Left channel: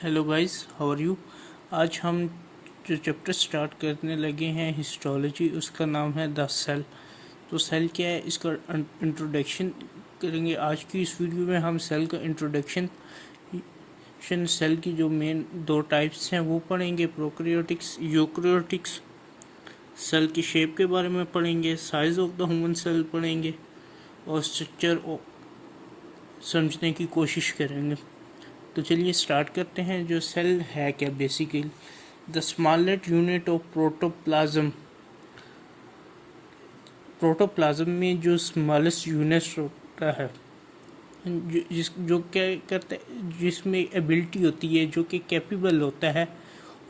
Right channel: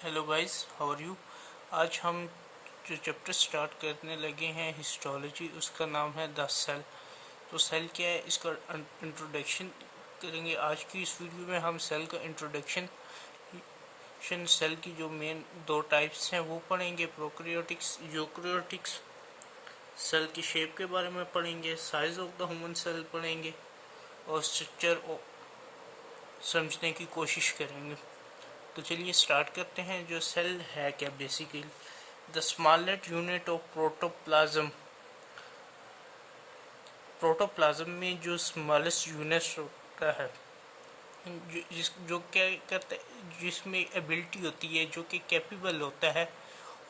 Hello guys, how are you. आज हम जो चैप्टर स्टार्ट करने लगे हैं हिस्टोलॉजी, उसका नाम है द सेल। तो सेल क्या है, इसका इंट्रोडक्शन करेंगे। आज की इस वीडियो में हम सेल का इंट्रोडक्शन, सेल की जो मेन दो टाइप्स हैं वो पढ़ेंगे, प्रोकैरियोटिक्स, यूकैरियोटिक्स। सेल की शेप के बारे में पढ़ेंगे, size of the human cell पढ़ेंगे और स्ट्रक्चर समझने की कोशिश करेंगे। तो चलिए स्टार्ट करते हैं। जो सेल है क्या, basically the smallest unit of protoplasm. Protoplasm में जो स्मॉलेस्ट यूनिट होता है, जो क्या करता है, जिसमें एबिलिटी होती है, जो कि कैपेबल होता है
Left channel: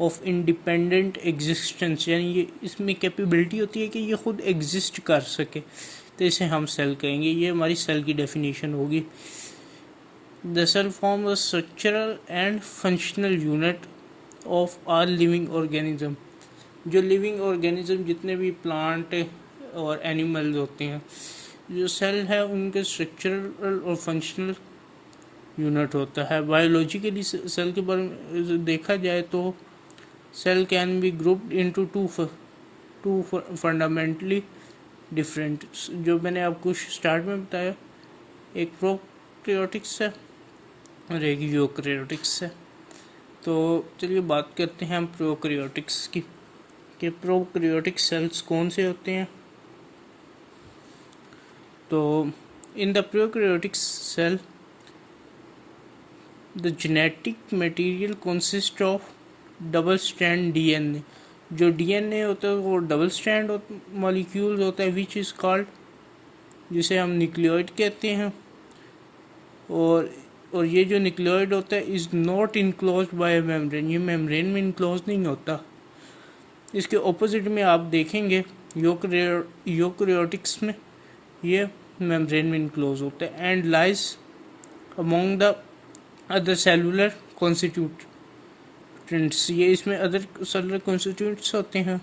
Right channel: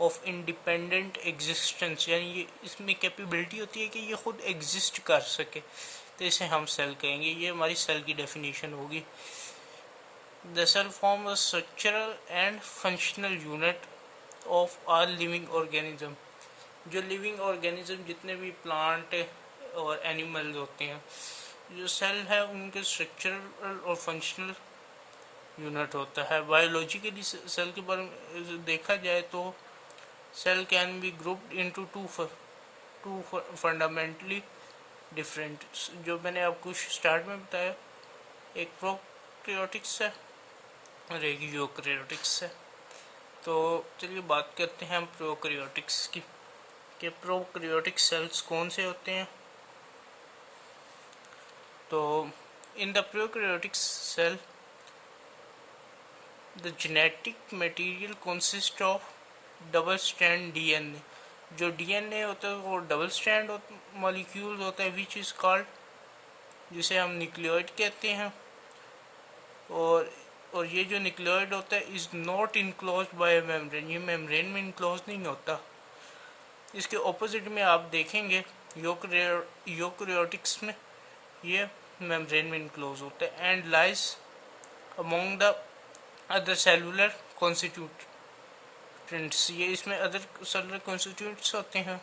ऑफ इंडिपेंडेंट एग्जिस्टेंस, यानी ये इसमें कैपेबिलिटी होती है कि ये खुद एग्जिस्ट कर सके, तो इसे हम सेल कहेंगे। ये हमारी सेल की डेफिनेशन होगी। The cell forms a structural and functional unit of all living organism। जो लिविंग ऑर्गेनिज्म, जितने भी प्लांट और एनिमल्स होते हैं, जो सेल है उनके स्ट्रक्चरल और फंक्शनल यूनिट होता है। बायोलॉजिकली सेल के बारे में देखा जाए तो cell can be grouped into two fundamentally different. जो मैंने आपको स्टार्ट में बताया, एक प्रोकैरियोटिक्स है और एक यूकैरियोटिक्स है। तो चलिए बात करते हैं हम प्रोकैरियोटिक्स की, कि प्रोकैरियोटिक सेल्स कौन से होते हैं। तो in the prokaryotic cell the genetic material consist of double strand DNA. जो डीएनए होता है वो डबल स्ट्रैंड मॉलिक्यूल होता है, विच इज कॉल्ड, जिसे हम न्यूक्लियोइड कहते हैं। और ये जो न्यूक्लियोइड होता है is not enclose by membrane, ये मेम्ब्रेन में इनक्लोज नहीं होता। इसके ऑपोजिट में आप देखेंगे यूकैरियोटिक्स में ये मेम्ब्रेन में इनक्लोज होता है and lies among the other cellular constituents, ये इसमें अदर सेलुलर कॉन्स्टिट्यूएंट्स होते हैं।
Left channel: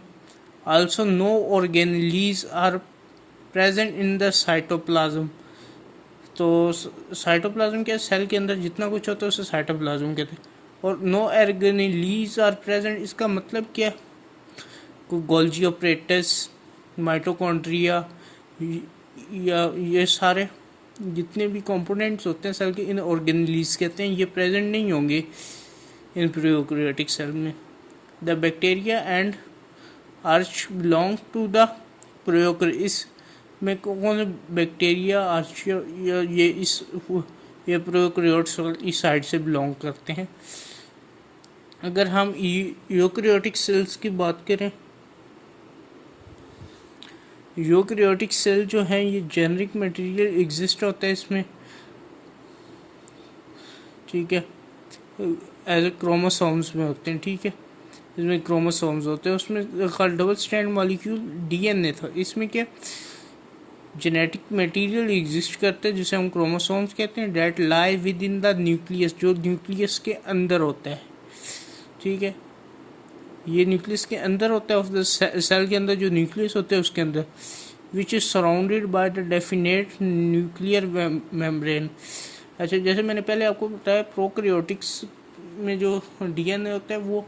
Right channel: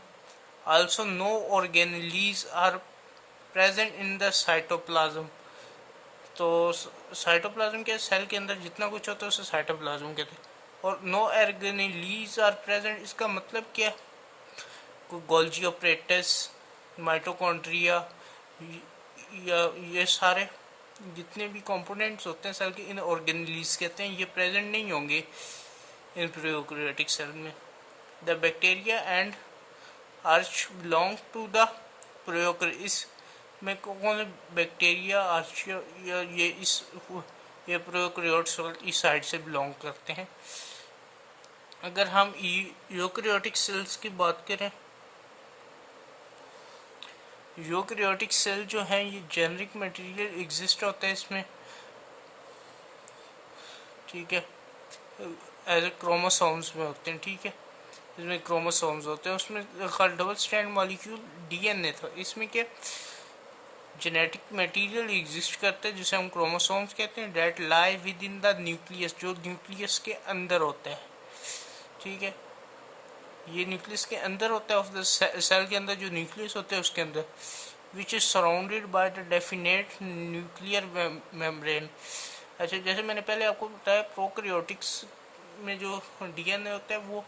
Also no organelles are present in the cytoplasm. तो साइटोप्लाज्म क्या, सेल के अंदर जितना कुछ होता है उसे साइटोप्लाज्म कहते हैं। और नो ऑर्गेनेलीज आर प्रेजेंट, इसका मतलब क्या, गोल्जी ऑपरेटस, माइटोकॉन्ड्रिया, या ये सारे जितने भी कंपोनेंट्स होते हैं सेल के, इन ऑर्गेनेलीज कहते हैं। ये प्रेजेंट नहीं होंगे इन प्रोकैरियोटिक सेल में। The bacteria and archaea belong to the prokaryotics में कौन बैक्टीरिया, आर्चिया, ये प्रोकैरियोट्स इस साइड से बिलोंग करते हैं। अगर हम यूकैरियोटिक सेल्स की बात करें, यूकैरियोटिक सेल जो है ये जेनेरिक मटेरियल एग्जिस्ट होता है इसमें, ठीक है, एज क्रोमोसोम्स में होते हैं, ठीक है। इसमें क्रोमोसोम्स होते हैं, उसमें डबल स्ट्रैंड मॉलिक्यूल डीएनए था। इसमें क्या, जेनेटिक मटेरियल एग्जिस्ट करता है जिसे हम क्रोमोसोम्स कहते हैं, date lie with in the nucleus, जो न्यूक्लियस के अंदर होता है, ठीक है। ये न्यूक्लियस के अंदर होता है, ऑफ द सेल के अंदर जो न्यूक्लियस होता है उसके अंदर, which is surrounded by the definite nuclear membrane. अच्छा, जैसे मैंने पहले आपको बताया, प्रोकैरियोटिक्स में जो डीएनए होता है वो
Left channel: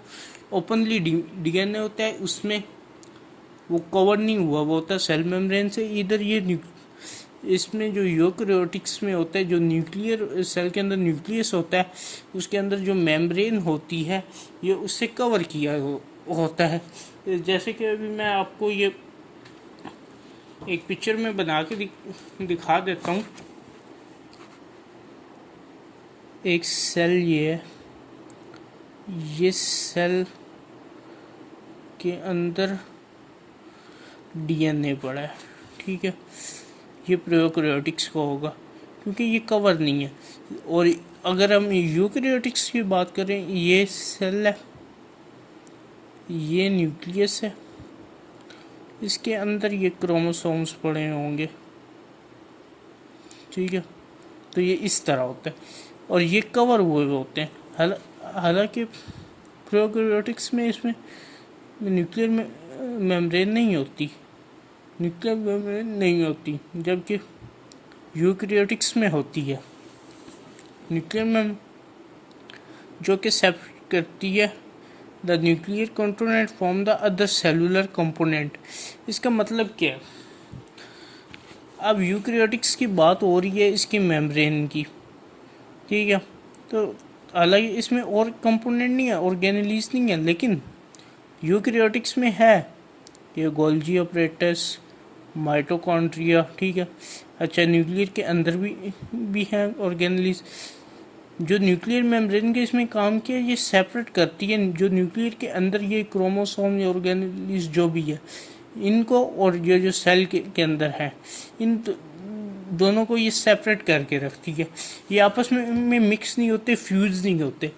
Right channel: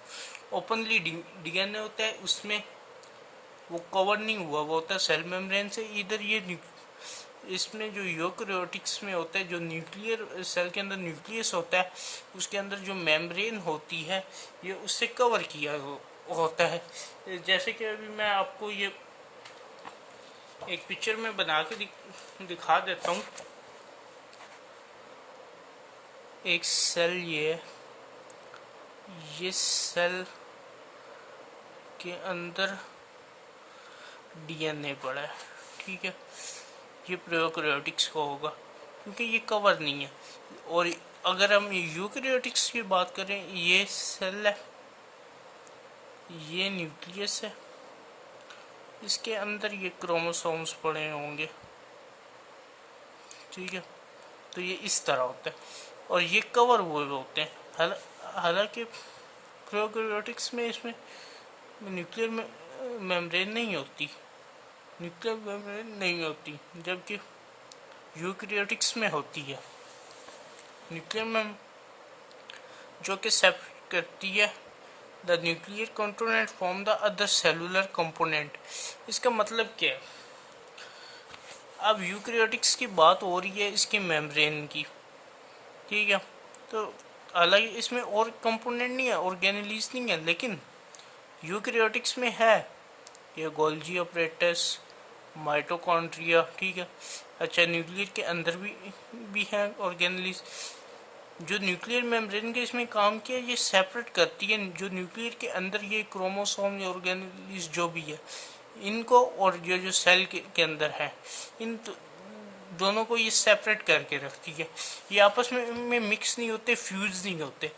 ओपनली डीएनए होता है, उसमें वो कवर नहीं हुआ, वो होता है सेल मेम्ब्रेन से। इधर ये इसमें जो यूकैरियोटिक्स में होता है, जो न्यूक्लियर सेल के अंदर न्यूक्लियस होता है, उसके अंदर जो मेम्ब्रेन होती है ये उससे कवर किया होता है। जैसे कि अभी मैं आपको ये एक पिक्चर में बना के दिखा देता हूँ। एक सेल, ये सेल के अंदर डीएनए पड़ा है, ठीक है। ये प्रोकैरियोटिक्स का होगा क्योंकि ये कवर नहीं है। और अगर हम यूकैरियोटिक्स की बात करें, ये सेल है, ये न्यूक्लियस है, इसके अंदर ये क्रोमोसोम्स पड़े होंगे, ठीक है। तो ये इस तरह होता है और ये कवर हुए होते हैं। हालांकि प्रोकैरियोटिक्स में इसमें न्यूक्लियर मेम्ब्रेन नहीं होती, न्यूक्लियर मेम्ब्रेन नहीं होती, जबकि यूकैरियोटिक्स में होती है न्यूक्लियर मेम्ब्रेन, जो कि करती है the nuclear component from the other cellular component. इसका मतलब क्या है? अब यूकैरियोटिक्स की बात हो रही है इसकी मेम्ब्रेन की, ठीक है। तो हालांकि इसमें और कंपोनेंट नहीं है, ऑर्गेनेलीज नहीं है, लेकिन यूकैरियोटिक्स में है ये गोल्जी ऑपरेटस, माइटोकॉन्ड्रिया, ठीक है। अच्छा, न्यूक्लियर के अंदर भी है ऑर्गेनेलीज। जो न्यूक्लियर मेम्ब्रेन के इसमें काम किया, ये सेपरेट करती है जो न्यूक्लियर के अंदर ये क्रोमोसोम या ऑर्गेनेलीज जो भी है इनको, और ये जो सेल के अंदर है इन दोनों को ये सेपरेट करके रखती है। ये आपस में मिक्स नहीं होते, फ्यूज नहीं होते।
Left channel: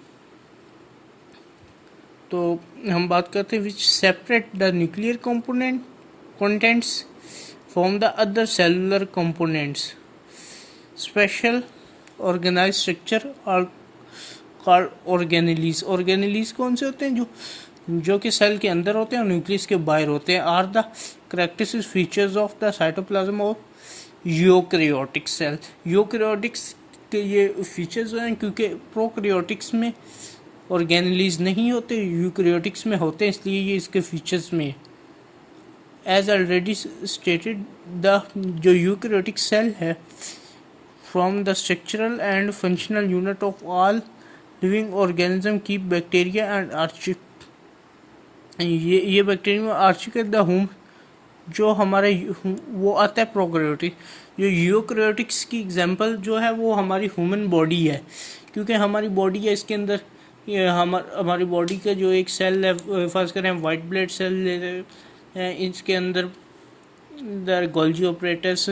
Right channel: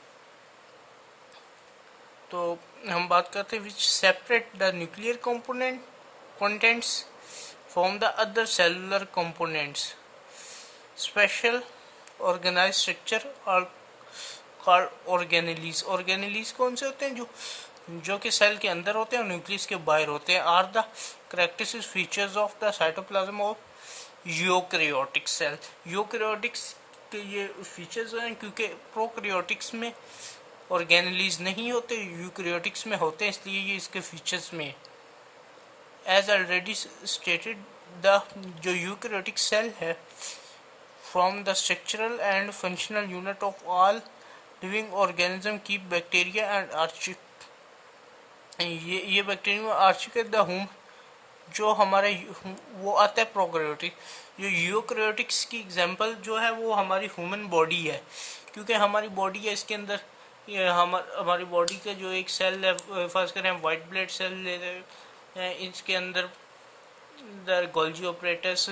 तो हम बात करते हैं which separate the nuclear component contents from the other cellular components. Special organise structure और कॉल्ड ऑर्गेनेलीज। ऑर्गेनेलीज कौन से होते हैं? जो कि सेल के अंदर होते हैं और न्यूक्लियस के बाहर होते हैं। Are the characteristic features of the cytoplasm of eukaryotic cell. Eukaryotics के ये फीचर्स हैं क्योंकि प्रोकैरियोटिक्स में ऑर्गेनेलीज नहीं होते, यूकैरियोटिक्स में होते हैं, इसलिए ये इसके फीचर्स में। एज ऑलरेडी स्टेटेड, द जो यूकैरियोटिक सेल है from the structural and functional unit of all living organism keep bacteria and archaea. ये बैक्टीरिया आर्चिक द होम जो हमारे वो आता है प्रोकैरियोटिक। जो यूकैरियोटिक्स की एग्जांपल जो है वो हमारी ह्यूमन बॉडी है, क्योंकि हमारी बॉडी है, इसके अंदर हमारी बॉडी का जो एक सेल है, फर्स्ट करें वाइट ब्लड सेल ले रहे हैं, इसके अंदर गोल्जी ऑपरेटस,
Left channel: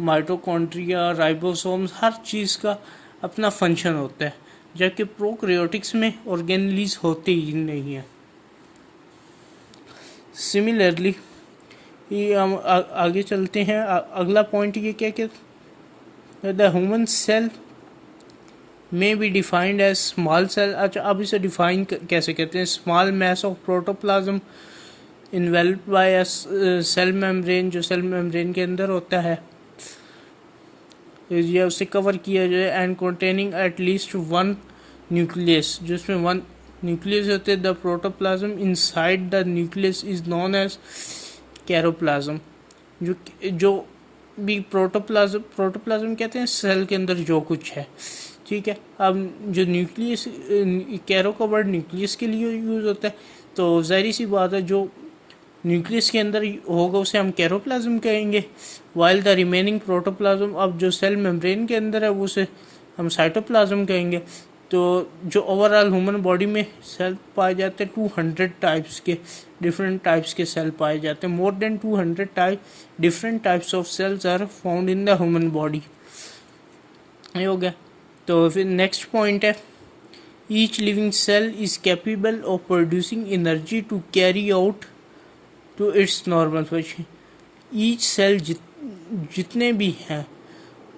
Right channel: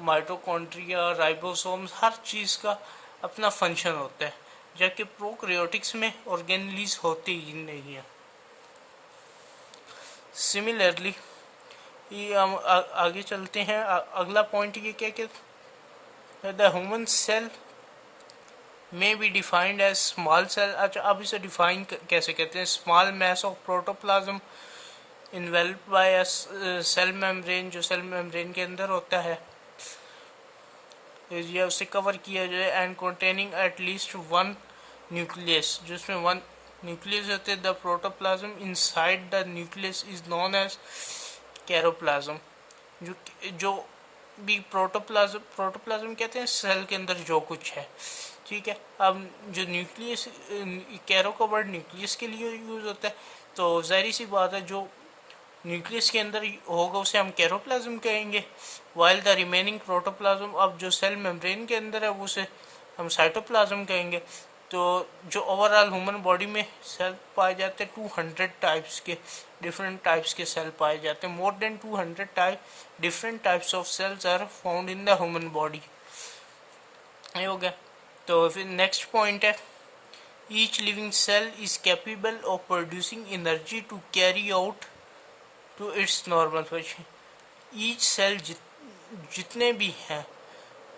माइटोकॉन्ड्रिया, राइबोसोम्स, हर चीज़ का अपना फंक्शन होता है, जबकि प्रोकैरियोटिक्स में ऑर्गेनेलीज होती ही नहीं है। सिमिलरली ये हम आगे चलते हैं। अगला पॉइंट ये क्या कि द ह्यूमन सेल में be defined as small cell. अच्छा, अब इसे डिफाइन कैसे करते हैं? Small mass of protoplasm involved by cell membrane, जो सेल मेम्ब्रेन के अंदर होता है या उसे कवर किया जाए, and containing at least one nucleus, जिसमें वन न्यूक्लियस होते हैं। The protoplasm inside the nucleus is known as karyoplasm. जो भी प्रोटोप्लाज्म कहते हैं सेल के अंदर जो कुछ है, ठीक है। अब जो न्यूक्लियस, कैरो का वर्ड न्यूक्लियस के लिए यूज होता है, तो जाहिर सी बात है जो न्यूक्लियस के अंदर होगा उसे हम कैरोप्लाज्म कहेंगे, वाइल द रिमेनिंग प्रोटोप्लाज्म, अब जो सेल मेम्ब्रेन के अंदर है वो उसे हम साइटोप्लाज्म कहेंगे। तो जो ओवरऑल ह्यूमन बॉडी में सेल पाए जाते हैं 200 टाइप्स के, डिफरेंट टाइप्स के सेल पाए जाते हैं। More than 200 different types of cells are found in the human body. ये हो गया। तो फिर नेक्स्ट पॉइंट है, each living cell is capable of producing energy to carry out to its normal function. Each cell जितने भी हैं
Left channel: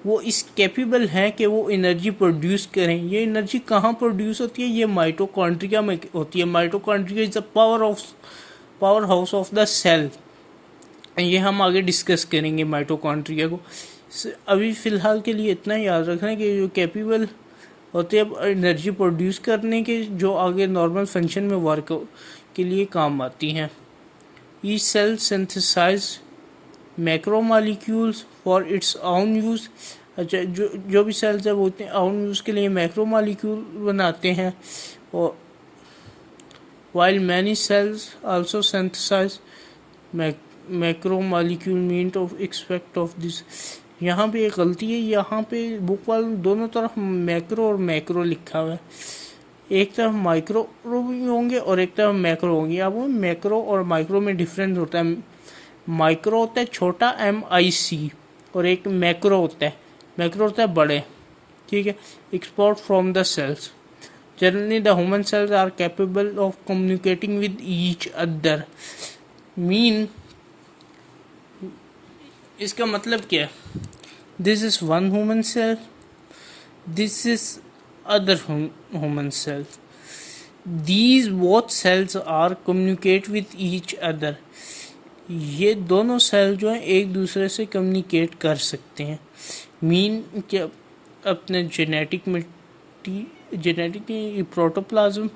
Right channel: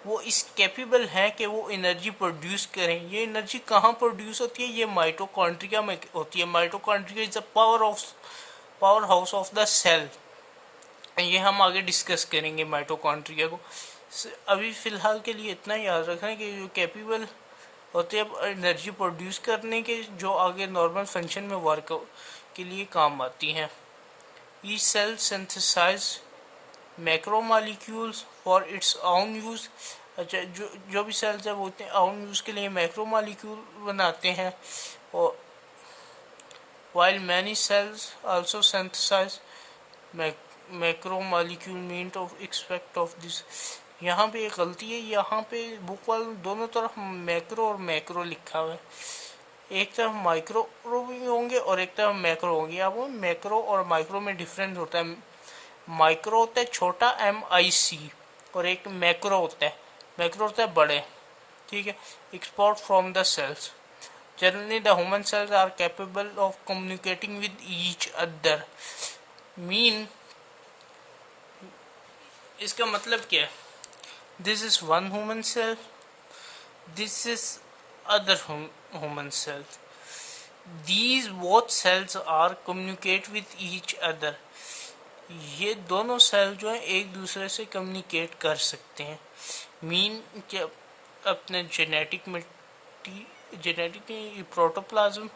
वो इस कैपेबल हैं कि वो एनर्जी प्रोड्यूस करें। ये एनर्जी कहाँ प्रोड्यूस होती है? ये माइटोकॉन्ड्रिया में होती है। Mitochondria is the power house of the cell. ये हम आगे डिस्कस करेंगे माइटोकॉन्ड्रिया को। अभी फिलहाल के लिए इतना याद रखना कि जो कैपेबल होते हैं एनर्जी प्रोड्यूस करने के, जो आगे नॉर्मल फंक्शन में वर्क के लिए काम आती हैं। Each cell synthesize macromolecules for its own use. अच्छा, जो भी सेल्स है वो ओन यूज के लिए मैक्रोमॉलिक्यूल बनाते हैं। और while many cells also synthesize macromolecule mean of expect of this. यहाँ पे एक गलती है, यहाँ पे बुक वाले दोनों तरफ मैक्रो और मैक्रो लिखा हुआ है। एक तरफ माइक्रो भी होंगे और एक तरफ मैक्रो होंगे। अब वो मैक्रो और माइक्रो में डिफरेंस होता है। माइक्रो होता है छोटा MIC, और एक मैक्रो होता है बड़े, ठीक है। Export from the cells. Generally the human cells are capable of communicating with each other. Mean इसका मतलब क्या है? This is one human cell, this is other human cell. These both cells are communicate with each other. ये दोनों cell जो हैं एक दूसरे से कम्युनिकेट कर सकते हैं। मीन कि अपने जेनेटिक प्रोटोप्लाज्म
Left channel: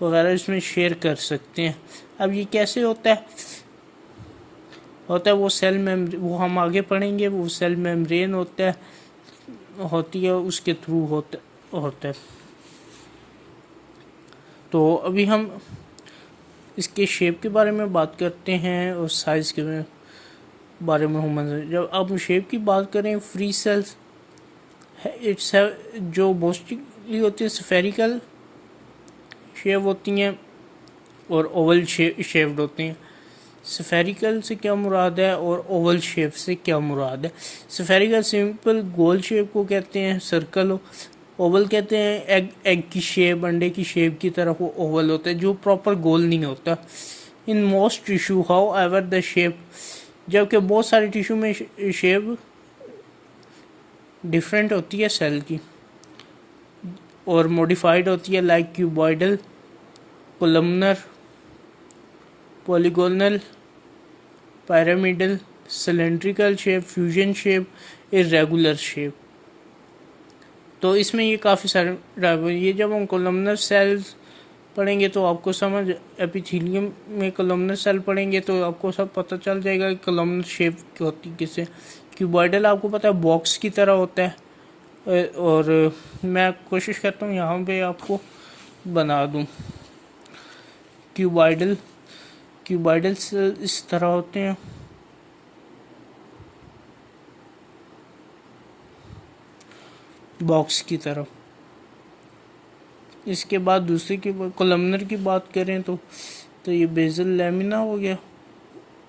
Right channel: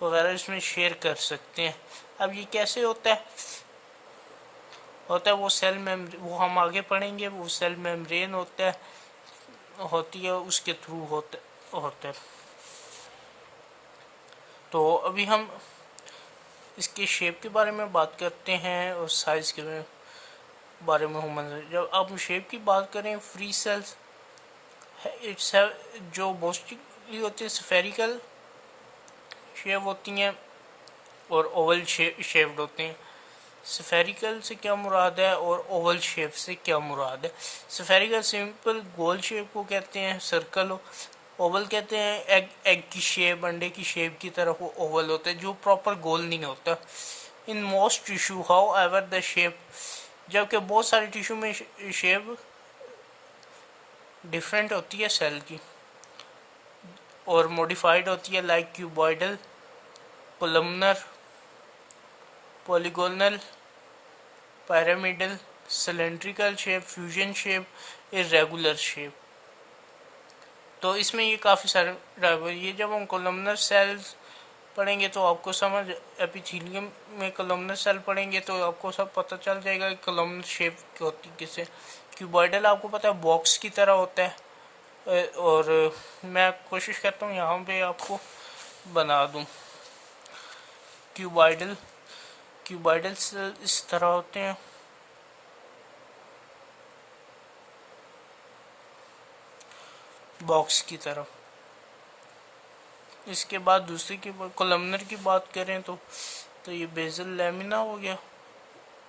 वगैरह इसमें शेयर कर सकते हैं। अब ये कैसे होता है वो सेल मेम्ब्रेन, वो हम आगे पढ़ेंगे। वो सेल मेम्ब्रेन होती है उसके थ्रू होता है। तो अभी हम इसके शेप के बारे में बात करते हैं और साइज के बारे में हम। जब आप शेप की बात करें, फ्री सेल्स इट्स जो मोस्टली होती है स्फेरिकल शेप होती हैं और ओवल शेप्ड होते हैं। स्फेरिकल से क्या मुराद है और ओवल शेप से क्या मुराद है? स्फेरिकल सिंपल गोल शेप को कहते हैं, सर्कल। ओवल कहते हैं एग की शेप, अंडे की शेप की तरह वो ओवल होता है जो प्रॉपर गोल नहीं होता। In most tissue how ever the shape, जबकि बहुत सारे टिश्यू में शेप डिफरेंट होती है सेल की और मॉडिफाइड होती है, like cuboidal, columnar, polygonal, pyramidal, cylindrical shape, fusion shape, irregular shape. तो इसमें ये काफ़ी सारे ये जब हम कोलमनर सेल्स पढ़ेंगे तो आपको समझ, एपिथेलियम में कोलमनर सेल पढ़ेंगे तो आपको सब पता चल जाएगा कि कोलमनर शेप होती किसे। क्यूबॉइडल आपको पता है बॉक्स की तरह होता है, और मैं कोशिश करता हूँ यहाँ पे आपको बना दूँ। क्यूबॉइडल सेल इस तरह होते हैं। बॉक्स की तरह। इसके बाद दूसरी की कोलमनर की बात करें तो ये बेसल लैमिना हो गया।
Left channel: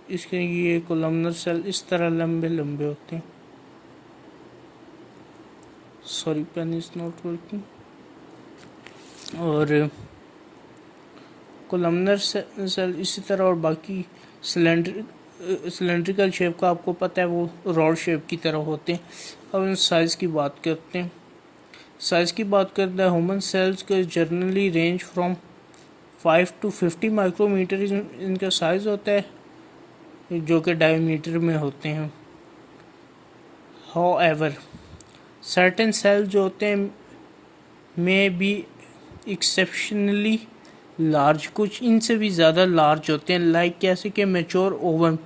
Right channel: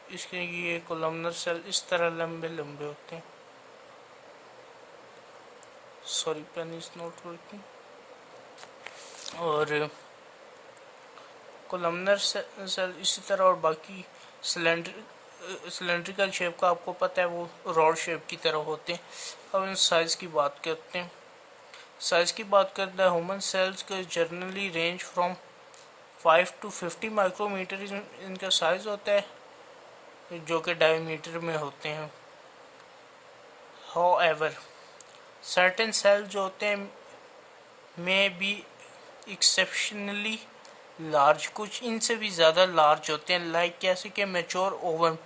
इसके ये कोलमनर सेल इस तरह लंबे लंबे होते हैं। Sorry, pen is not working. और कोलमनर सेल इसी तरह, और बाकी सिलेंड्रिकल शेप का आपको पता है वो रॉड शेप की तरह होते हैं। अब इन साइज की बात करते हैं। साइज की बात करते हैं, ह्यूमन सेल्स के generally range from 5 to 50 micrometre इनका साइज होता है, जो कि डायमीटर में होते हैं। हाउएवर सर्टेन सेल्स जो होते हैं में भी एक्सेप्शनली लार्ज, कुछ इनसे भी ज़्यादा लार्ज होते हैं, लाइक कैसे कि मैच्योर ओवम।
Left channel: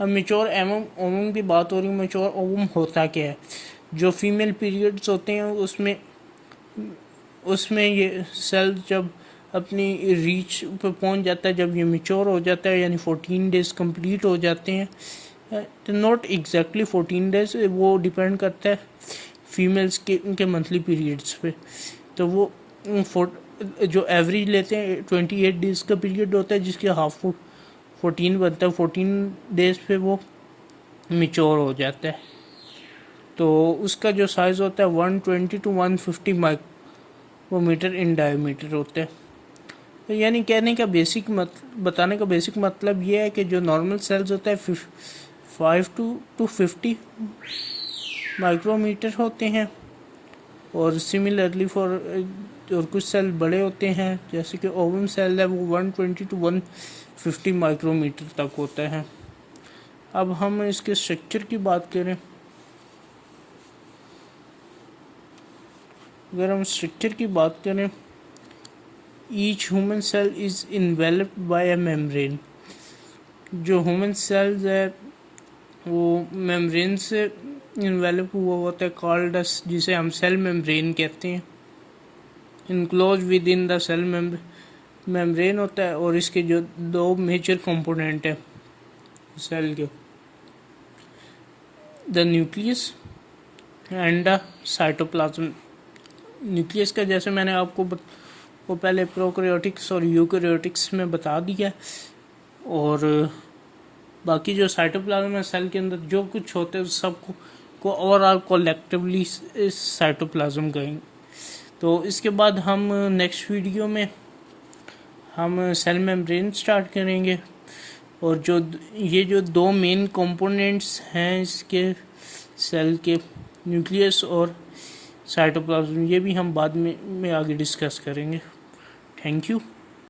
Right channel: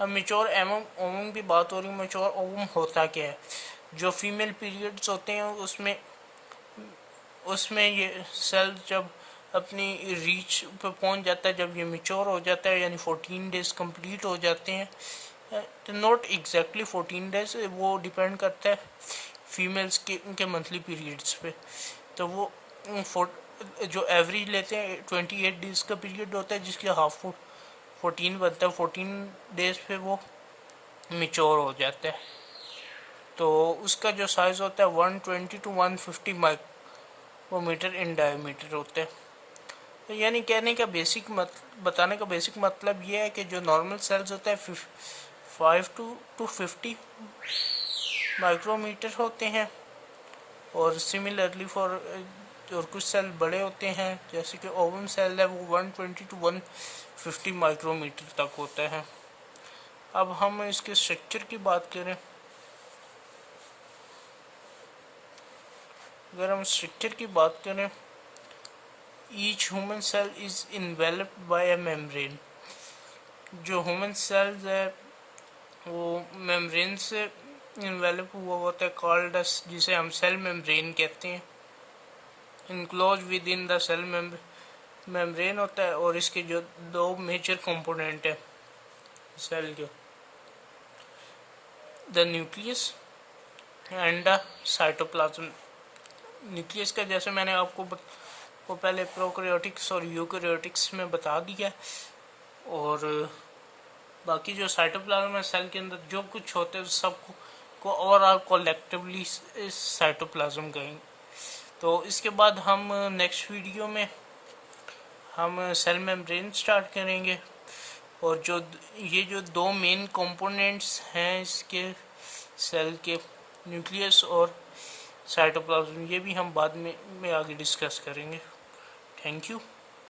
अब मैच्योर ओवम की बात हो रही है। मैच्योर ओवम होता क्या है? जो फीमेल पीरियड्स होते हैं उसमें ये सेल जब अपनी रीच पे पहुंच जाता है, जब ये मैच्योर हो जाता है, यानी 14 डेज कंप्लीट हो जाते हैं, तो नॉट एग्जैक्टली 14 डेज, वो डिपेंड करता है फीमेल्स के उनके मंथली पीरियड्स पे। तो वो जो एवरेज लेते हैं 28 डेज का पीरियड होता है, जिसके हाफ 14 बनता है। 14 डेज पे वो मैच्योर हो जाता है। तो उसका जो साइज होता है 120 to 150 माइक्रोमीटर इन डायमीटर होता है। तो यानी कहने का बताने का बेसिक मतलब ये है कि जो नॉर्मल सेल्स होता है 5 to 50 माइक्रोमीटर होते हैं, और सिमिलरली और कुछ सेल बड़े होते हैं, जैसे कि ओवम सेल है वो 120 to 150 माइक्रोमीटर तक होता है। अब हम इसके स्ट्रक्चर की बात करें। अगर हम स्ट्रक्चर की बात करें, each human cell is enveloped by a membrane. जो ह्यूमन सेल्स है वो मेम्ब्रेन से इन्वेलप हुआ होता है, कॉल्ड जिसे हम सेल मेम्ब्रेन कहते हैं। Enclose within the cell membrane होता है, और इसके जो दो मेजर कंपोनेंट है सेल के, the nucleus and the cytoplasm. Nucleus का जैसे मैंने आपको वो पहले प्रोकैरियोटिक्स और यूकैरियोटिक्स में बता दिया, और बाकी जो साइटोप्लाज्म है सेल के अंदर जो कुछ होता है उस सब को ओवरऑल कोलेक्टिवली साइटोप्लाज्म कहेंगे। तो इसके बाद हम नेक्स्ट वीडियो में हम सेल मेम्ब्रेन स्टार्ट करेंगे, और जो दो मेन कंपोनेंट्स हैं इसके सेल के, न्यूक्लियस और साइटोप्लाज्म, ये भी हम बाद में आगे डिस्कस करेंगे। Thank you.